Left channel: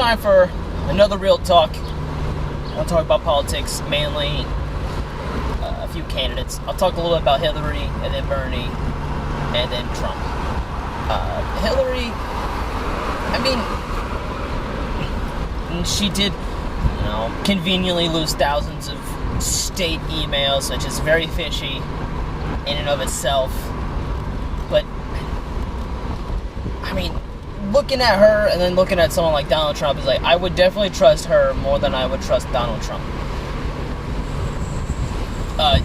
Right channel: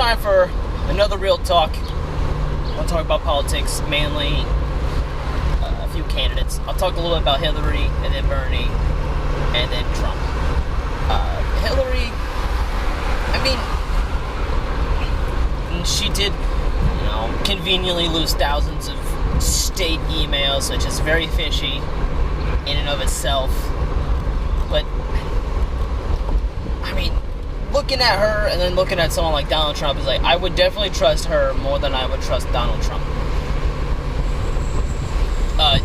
time for another real talk. I want to talk about politics, mainly a few candidates. I'll talk a little bit about Hillary, and then Bernie, and then Trump. Hillary, she did, conveniently lose thousands of state emails, which is very fishy in and of itself. But, looking at her and then looking at someone like Donald Trump is like, I would definitely trust her more than I would trust Donald Trump.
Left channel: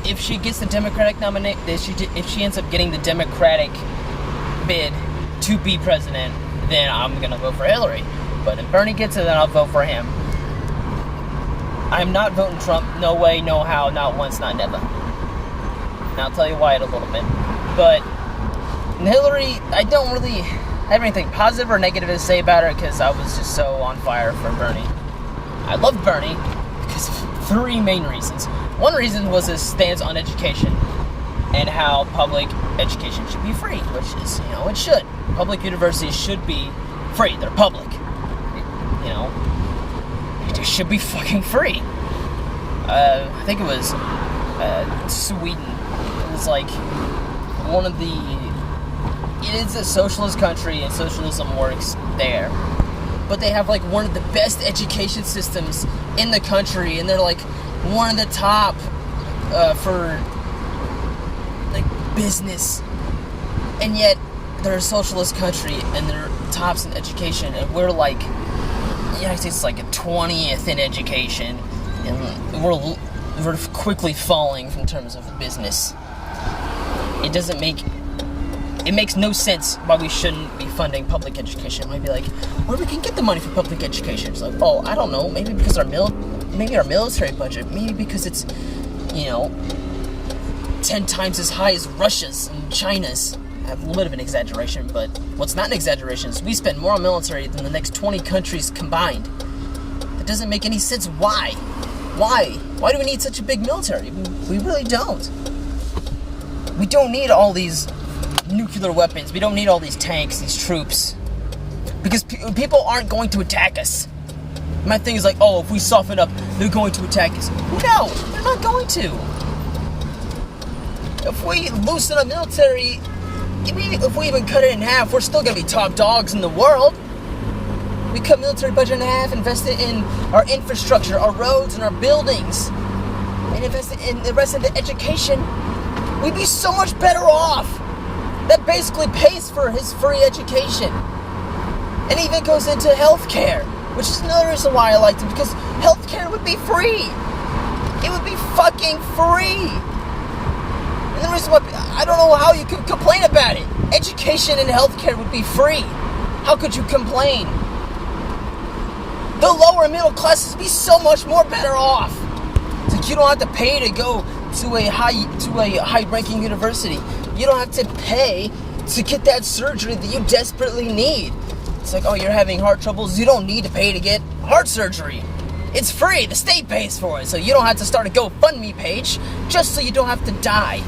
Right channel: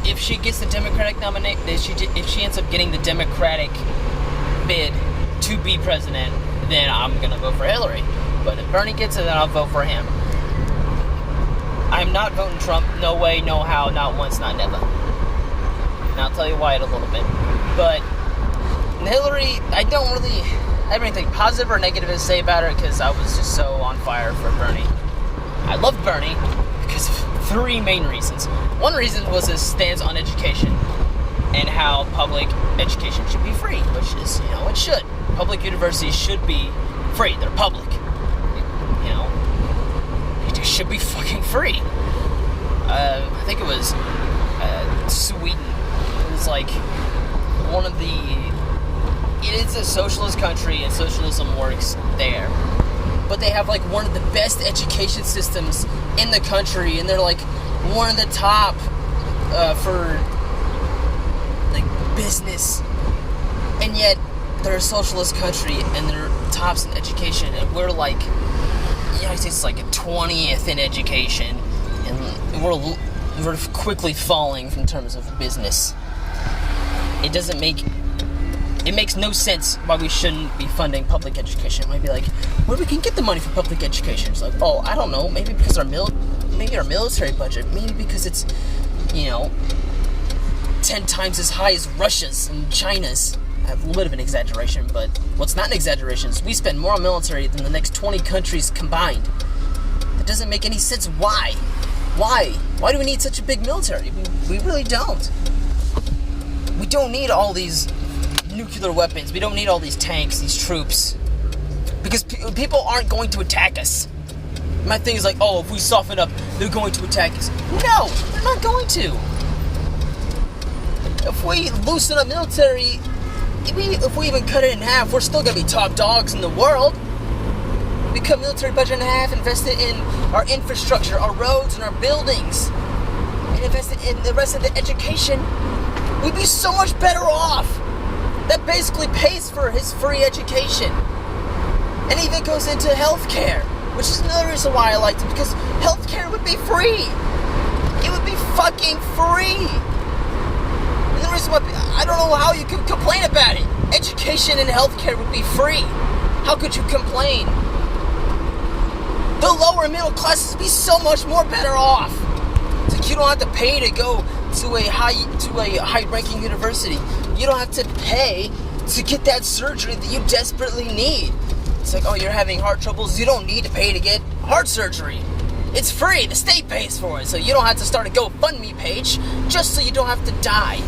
If she gets the Democratic nomination, if she ends up getting the Democratic bid to be president, then I'm gonna vote for Hillary. But if Bernie gets it, then I'll vote for him. I'm not voting Trump. No way, no how, not once, not never. And I'll tell you why in a little bit. But Hillary, I don't really have anything positive or negative to say about her because I was just so on fire for Bernie. I love Bernie because of three main reasons. One reason was his stance on education and how public education should be free, which is, it should. Public universities should be free. They're public. They should be fucking free. I think it was Sweden. It was like one of the... It is a socialist country, and socialism works there. But they have, one of the best education systems in the country, and they're, one of the top for, business. And yet, they're a socialist country, and they're tops in education, and we're, the United States is, a 20th in education, and we're quickly falling in terms of business. It makes no sense why we shouldn't be funding public education. It might be where we can get the money for public education. It's I don't know, maybe because our military budget, maybe because it's, 10 times as high as Russia's and China's. I have a little bit of an exaggeration, but what's not an exaggeration is we spend more on military than the next 20 countries combined. That doesn't make any sense. Why? Why do we need such a big military? We really don't. We don't need all these nuclear weapons. We don't need all these tanks, these troops. Because people aren't going to attack us. My thing is if we soften up, they're going to attack us. No, they're not going to. If we loosen the military, if we even cut it in half, we're still going to be top dogs in the world. We cut military budget in half, invest it in our infrastructure, our roads, and our buildings, and invest it in the rest of the education, we'd be so much better off. That basically pays for his free education. And even goes into healthcare, which is another reason why I liked him, because healthcare would be free. It would be fucking free. And the reason why, I don't know how you could complain about it. Education and healthcare would be free. How could you complain? The lower middle classes would be so much more better off. It's you don't have to pay to go to a high-ranking university. You don't have to pay to get that surgery that you desperately need. It's you're having heart troubles. You don't need to pay to get heart surgery. It's free. The state pays for it. So you don't have to start a GoFundMe page just so you don't have to die.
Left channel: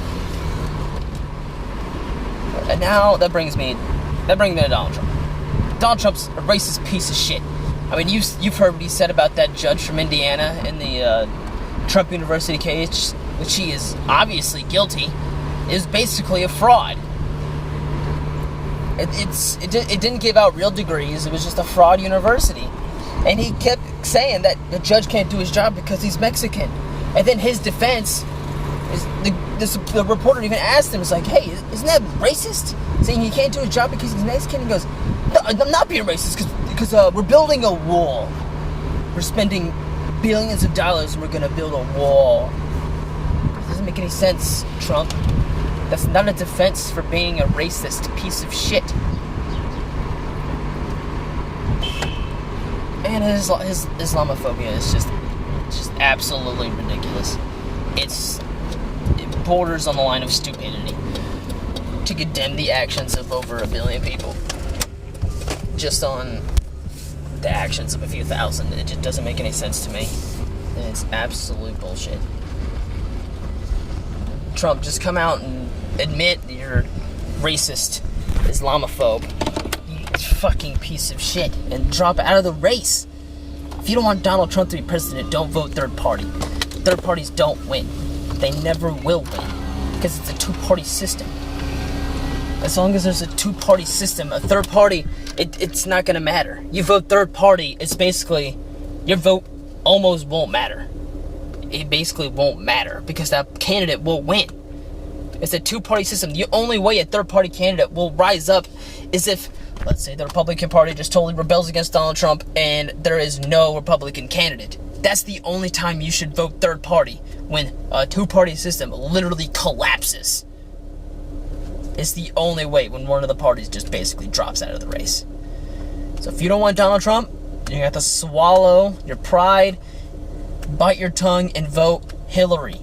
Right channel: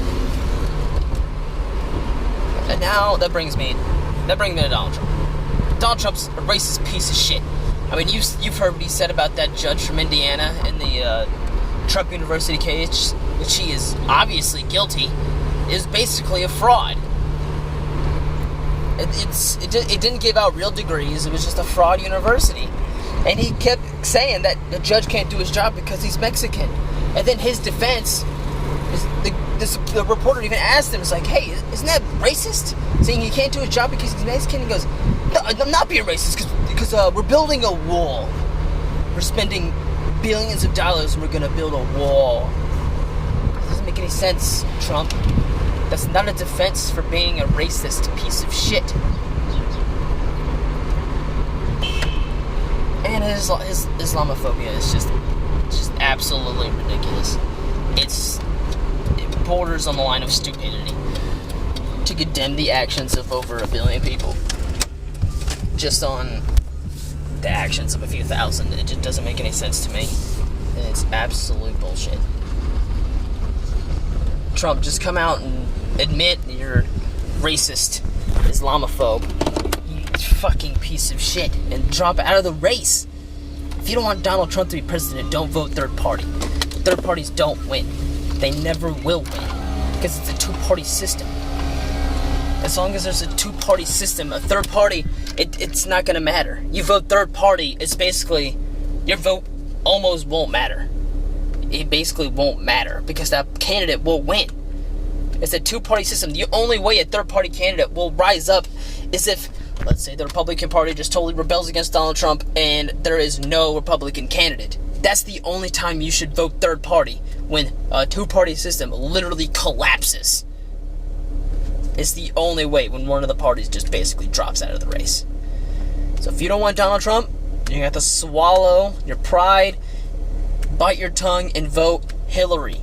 And now that brings me to Donald Trump. Donald Trump's a racist piece of shit. You've heard what he said about that judge from Indiana in the Trump University case, which he is obviously guilty, is basically a fraud. It didn't give out real degrees. It was just a fraud university. And he kept saying that the judge can't do his job because he's Mexican. And then his defense, the reporter even asked him, hey, isn't that racist? Saying he can't do his job because he's Mexican? He goes, no, I'm not being racist because we're building a wall. We're spending billions of dollars and we're going to build a wall. It doesn't make any sense, Trump. That's not a defense for being a racist piece of shit. And his Islamophobia is just absolutely ridiculous. It borders on the line of stupidity to condemn the actions of over 1 billion people just on the actions of a few thousand. It just doesn't make any sense to me. And it's absolute bullshit. Trump, just come out and admit you're racist, Islamophobe, you fucking piece of shit, and drop out of the race. If you don't want Donald Trump to be president, don't vote third party. Third parties don't win. They never will win. Because it's a two-party system. As long as there's a two-party system, a third party, it's not going to matter. You vote third party, it's basically, your vote almost won't matter. It basically won't matter because that candidate will win. It's a two-party system. The only way a third-party candidate will rise up is if, let's say, the Republican Party just totally rebels against Donald Trump and there is no Republican candidate. That's the only time you should vote third party, when a two-party system literally collapses. It's the only way, when one of the parties just basically drops out of the race. So if you don't want Donald Trump, you have to swallow your pride, bite your tongue, and vote Hillary.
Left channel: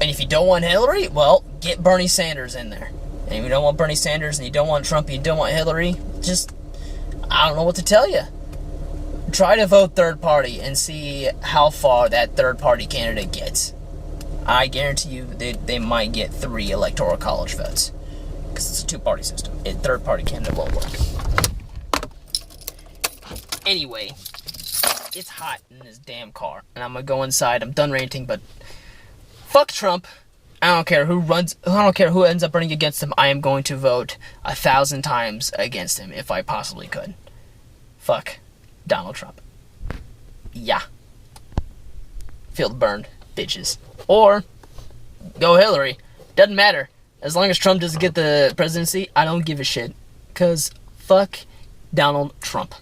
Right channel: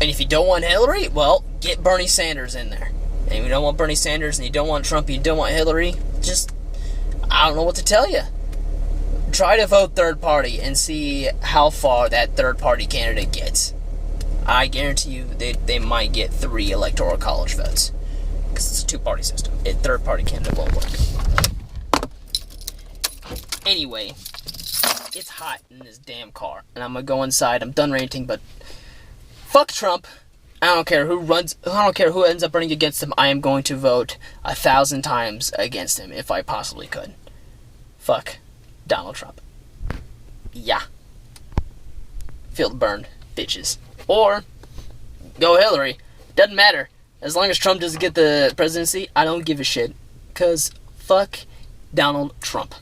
And if you don't want Hillary, well, get Bernie Sanders in there. And if you don't want Bernie Sanders, and you don't want Trump, and you don't want Hillary, just, I don't know what to tell you. Try to vote third party and see how far that third party candidate gets. I guarantee you they might get 3 electoral college votes. Because it's a two-party system. A third-party candidate won't work. Anyway, it's hot in this damn car. And I'm going to go inside. I'm done ranting, but fuck Trump. I don't care who ends up running against him. I am going to vote 1,000 times against him if I possibly could. Fuck Donald Trump. Yeah. Feel the burn, bitches. Or go Hillary. Doesn't matter. As long as Trump doesn't get the presidency, I don't give a shit. Because fuck Donald Trump.